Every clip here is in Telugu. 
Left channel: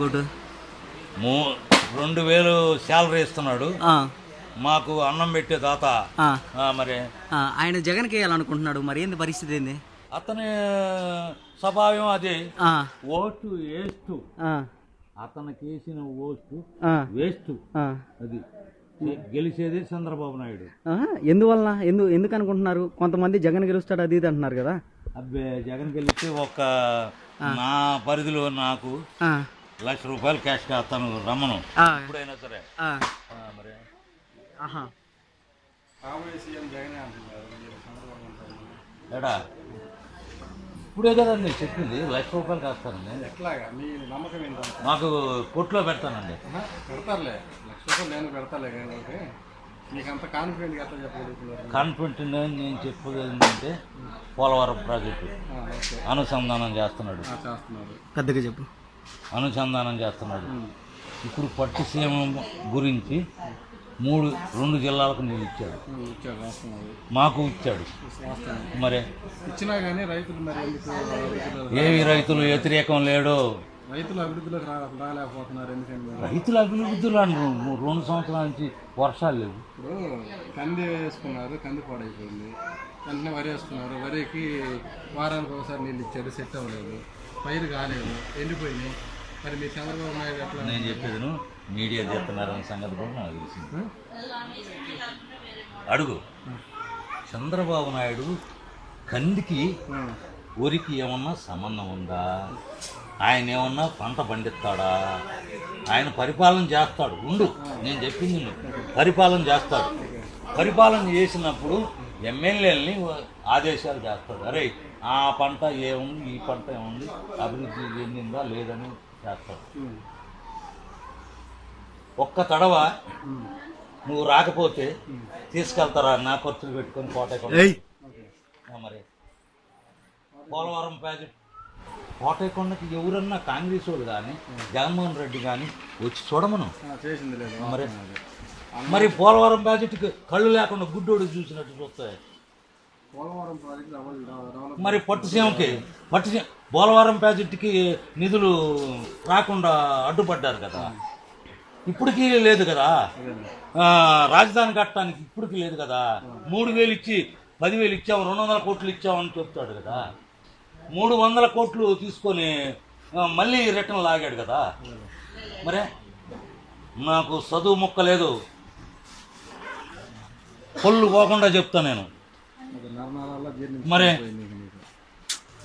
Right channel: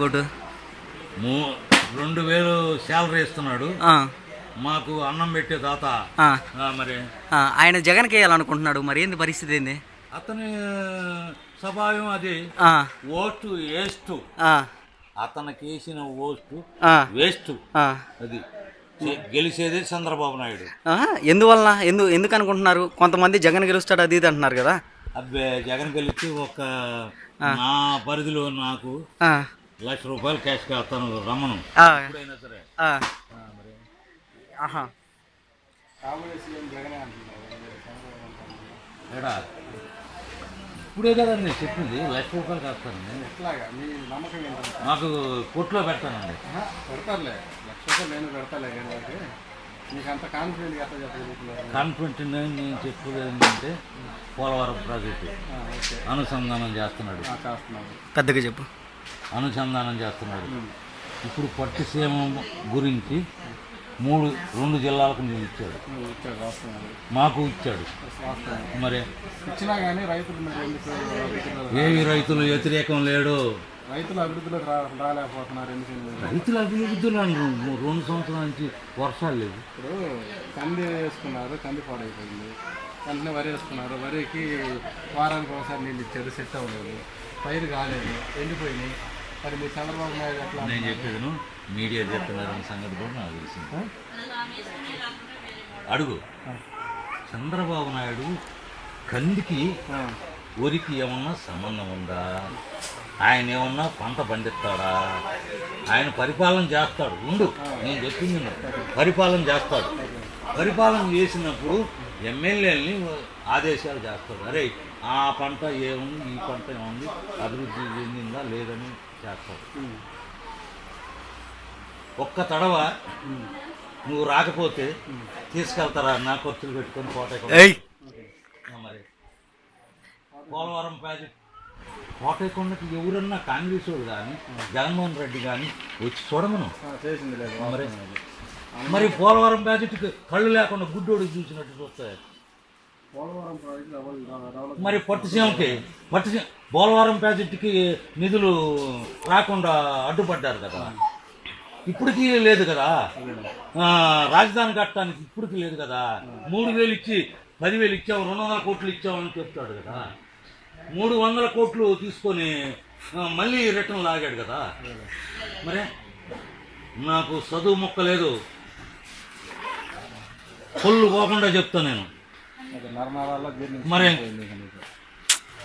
కోటు 2000 శాలరీ ఇస్తున్నాడు మాకు అన్నం పెట్టే దాత. మరి ఆయన జగన్కి వేయాలనుకుంటున్నాడు, మరి ఏంది పరిస్థితి ఏంది? అతని స్వభావం అది. ఓటు వేస్ట్, అతనికి వేసిన ఓటు వేస్ట్. అది గెలిచేది చంద్రబాబు నాయుడు. ఎందువలన ఎందుకు అనుకుంటున్నారు? కొంతమంది జగన్ గెలుస్తాడు అది ఇది అంటున్నారు కదా. అబ్బే జగన్ గెలిచి ఒక నా పరిధిలో నాకు ₹1,00,000 క్యాష్ అతను రమ్మను ఎప్పుడైనా సరే. ఎడా ఇప్పుడే కదండి చెప్పింది, ₹1,00,000 కాస్తానండి. మాకు కొట్లో పెడతానండి. పెడతారులే, ₹1,00,000 నేను పెడతాలే. కానీ వాళ్ళకి నీకు అంత కాన్ఫిడెంట్గా ఎట్లా చెప్పగలుగుతున్నారు? కాన్ఫిడెంట్ నేను చెప్పేది ఏంటంటే పోలవరం ప్రాజెక్టు అనుసంధానం చేస్తున్నాడు. పెద్దగా చెప్పు. అనుసంధానం చేస్తున్నాడు. ఇప్పుడు పట్టిసీమ గురించి 2 జిల్లాలకు నీళ్ళు ఇచ్చాడు, మాకు ఇచ్చాడు. మరి ఇచ్చినా కానీ రైతులు మరి ఎందుకు ఏమి రైతులు వ్యతిరేకం లేడు. రైతుల అభివృద్ధిలోకి రాలేకపోతున్నారు. ఎందుకంటే రైతుల అభివృద్ధిలో 2 సంవత్సరాల నుంచి వర్షాలు లేవు. ఇప్పుడు కంది వేసుకున్నారు, కంది పాడైపోయింది. వెంటనే వరి వేసుకున్నారు, వరికి వారానికి ఒకసారి నీళ్ళు ఇచ్చారు, సెట్ అవ్వలేదు, పైరు కాలేదు, ఎండిపోయినాయి. మరి మీ చంద్రబాబు నాయుడు ఎట్లా? నేను చెప్పేది మీడియా చెప్తున్నారన్న సంగతి కూడా నాకు తెలిసింది. అడుగు చంద్రబాబు నాయుడు కందికి వరికి ఏమన్నా సంబంధం ఉందా? ఆయన ఏమన్నా పంట పండిస్తాడా? ఆయన పరిపాలన చేస్తాడు. నేను చెప్పింది పరిపాలన చేస్తాడు. పరిపాలన చేసినప్పుడు ఎమ్మెల్యేలని ఆదేశాలు చేస్తాడు. అరే ఆ పంట ఏముంది, ఈ పంట ఏముంది, అభివృద్ధి చెందిందా లేదని చేస్తాడు. ఒక్క తడవ నువ్వు రాకపోతే తీసుకెళ్తారా? నా ఖర్చులు పెట్టుకొని కోటకొండ. మరి పోలవరం ప్రాజెక్ట్ కోటకొండకి ఎవరన్నా కాంగ్రెస్ వాళ్ళు కానీ జగన్మోహన్ రెడ్డి కానీ వచ్చి చూడమను. మరి పోలవరం ప్రాజెక్టుకి కళ్ళు లేకుండా గుడ్డోడు చూసినట్టు చూస్తాయి. మరి పట్టిసీమకి పోలవరం ప్రాజెక్టుకి నిధులు రాకుండా అడ్డుపడ్డారు కదా. ఇప్పటికీ లేదు కదా. రాజధాని కట్టడానికి ఇప్పటికీ లేదు కదా. 3,000 ఇచ్చి 10,000 ఇచ్చావు, 200 కోట్లు ఇచ్చావు అని చెప్తాడు కదా. 300 కోట్లు తీసుకొని మళ్ళీ రిటర్న్ లాగాడు కదా. మరే నాకు చదువు మొక్క లేదు, పొల్లు పోకుండా చెప్తా నేను. మరి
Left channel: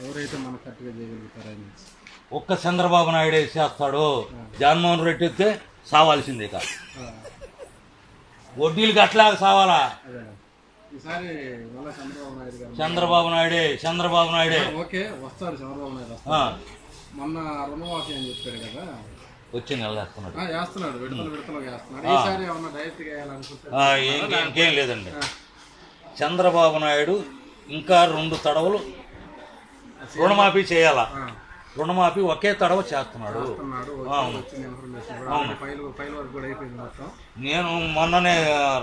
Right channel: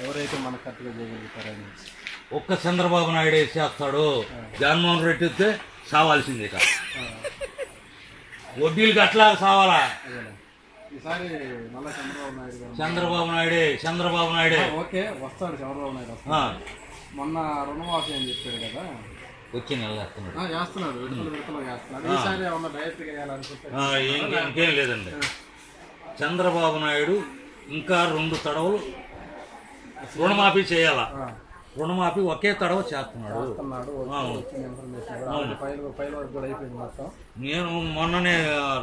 ఎవరైతే మనకు కరెక్ట్గా చేయగలుగుతారని ఒక్క చంద్రబాబు నాయుడే చేస్తాడు. జగన్మోహన్ రెడ్డి అయితే సావాల్సిందే కదా. వడ్డీలు కట్టలేక సావాలా? ఈసారి మళ్ళీ చంద్రబాబు నాయుడే ఓకే వస్తాడు. చంద్రబాబు నాయుడు వస్తాడు. మొన్న రుణమాఫీ అని చెప్పాడు కదా, వచ్చి నెలవేస్తున్నాడు, విడతలు చేస్తున్నాడు. ఈసారి ఏమన్నా డైరెక్ట్గా వేయాలనుకుంటే ఇంకేం లేదండి. చంద్రబాబు నాయుడు ఇంకా 2 తడవలు రుణమాఫీ చేయాలా. రుణమాఫీ ఒకే తడవ చేస్తున్నాడు. నేను మొన్ననే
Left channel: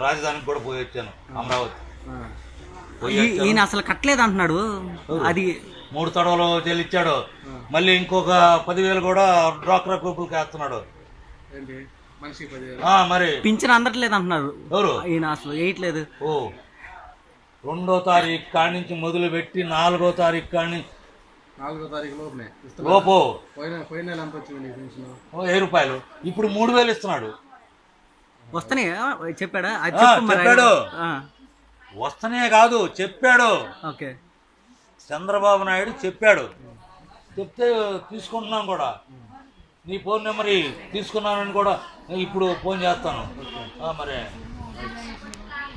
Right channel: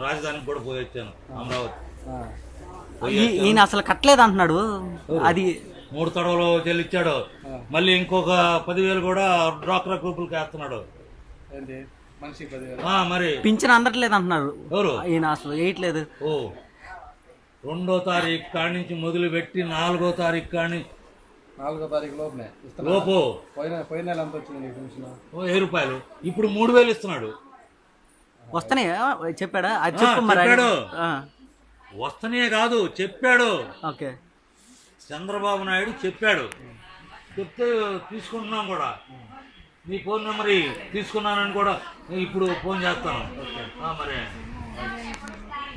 రాజధానికి కూడా పోయి వచ్చాను, అమరావతి. ఈయన అసలు కట్టలేదు అంటున్నాడు. అది 3 తడవలు చెల్లించాడు. మళ్ళీ ఇంకొక 10,000 కూడా డ్వాక్రా గ్రూపులకి వేస్తున్నాడు. మరి పింఛన్ అందట్లేదు అంటున్నారు. ఎవరు? ఈయన అసలు వేయట్లేదు. 2వ తారీఖు కాడి నుంచి మొదలు పెట్టి 4వ తారీఖు కాడి 4వ తారీఖు లోపు పోయిన నెల ఎంత వచ్చింది పెన్షన్? ₹1000. ఇప్పుడు 3,000 ఇస్తున్నాడు. వస్తనే చెప్పాడా? చెప్పాడు. వస్తనే కాదు చెప్పాడు. ఓకే చంద్రబాబు నాయుడు చెప్పాడు. చెప్తే తీసుకుంటున్నాం కూడా. నీ ఫోన్ నెంబర్ తీసుకున్నానని కూడా ఇప్పుడు ఫోన్ చేస్తాను. మరి